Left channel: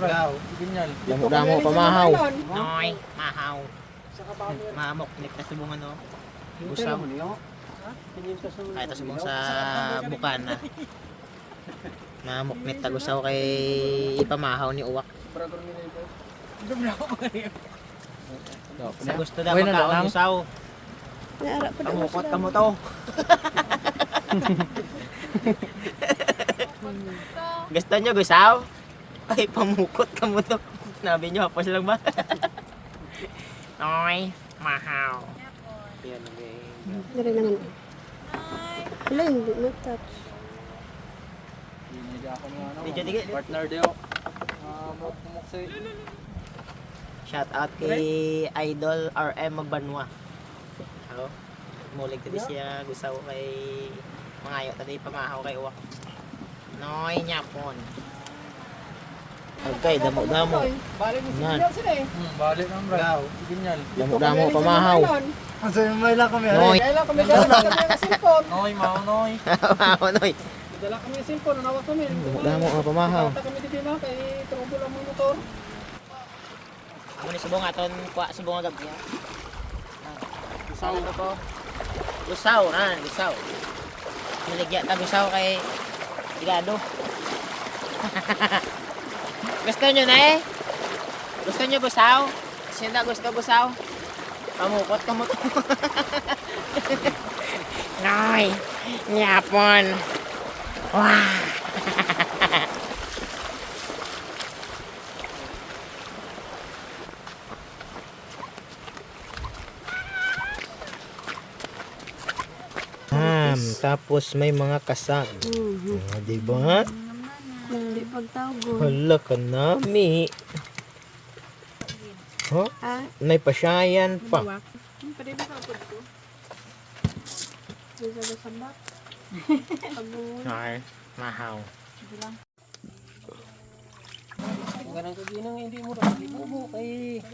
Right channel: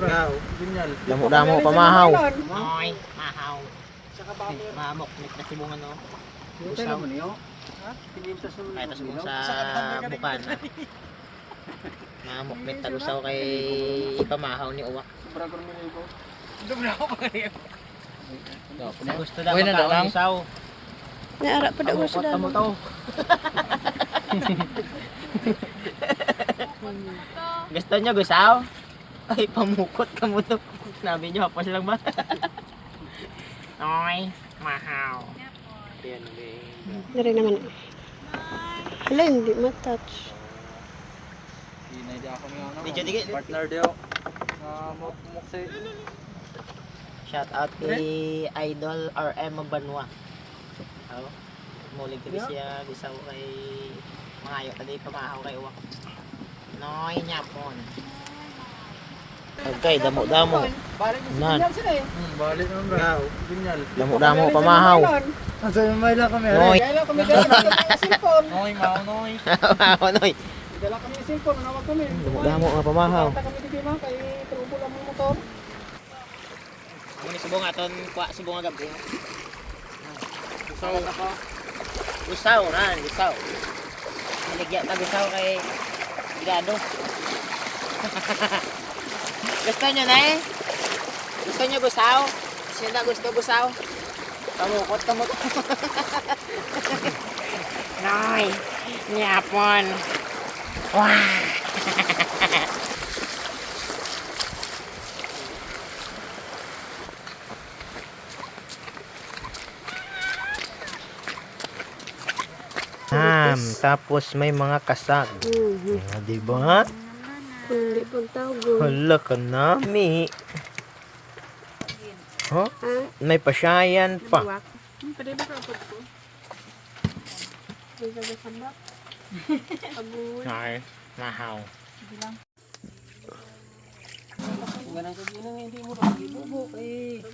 Ikaw. Damo-damo pamahaw. Noy, mahaw. Mamok, nagkasubungan no. Gusaw mo niyo. Ay, ito subong sa bukan. Mamok nit tagusaw kay ipamahaw ni uwak. Sa gusto daw makaon gusaw. Naara pa daw Kamukot kamo to. Gusto nyo gusaw? Ay, pamukot kamo to. Sabi nyo, hapos lang ba? Noy, mahaw. Yan, Dari naman. Wala, hindi matouch. Medyo dikit. Partner Deo. Shout out kay Idol RM Banwa. Oh, mulig tadi siya gusaw kay mangayo tadi pamahaw kay uwak. Noy nyapon. Okay, damo-damo. Nan. Balik naman ba? Ikaw. Damo-damo pamahaw. May lang kami. Noy. Kaya kami dala kami ng cellphone. Noy, mao noy. Pamahaw, noy. Dala kami ng cellphone, nawag kami. Damo-damo nga pamahaw. Kata kami dito ma kay trubo lang mo motor. Ini subong aton kwa subong gabi. Gusaw ka po. Gusaw nan, gusaw. Niligya ta gusaw kay Gigado. Gusto nyo na eh? Gusto nyo gusaw? Sila gusto gusaw? Kamukot, kamukot. Noy, nyapon. Wah. Tapos may mga kasag. Diba? Hindi pagtago. Hala ka nami. Huh? May pasyayan pa. Pwede ba kapot ko? Pwede ba sabak? Aboy. Ay, mahaw. Ganang kaginang hindi mo rin. Hindi mo kay...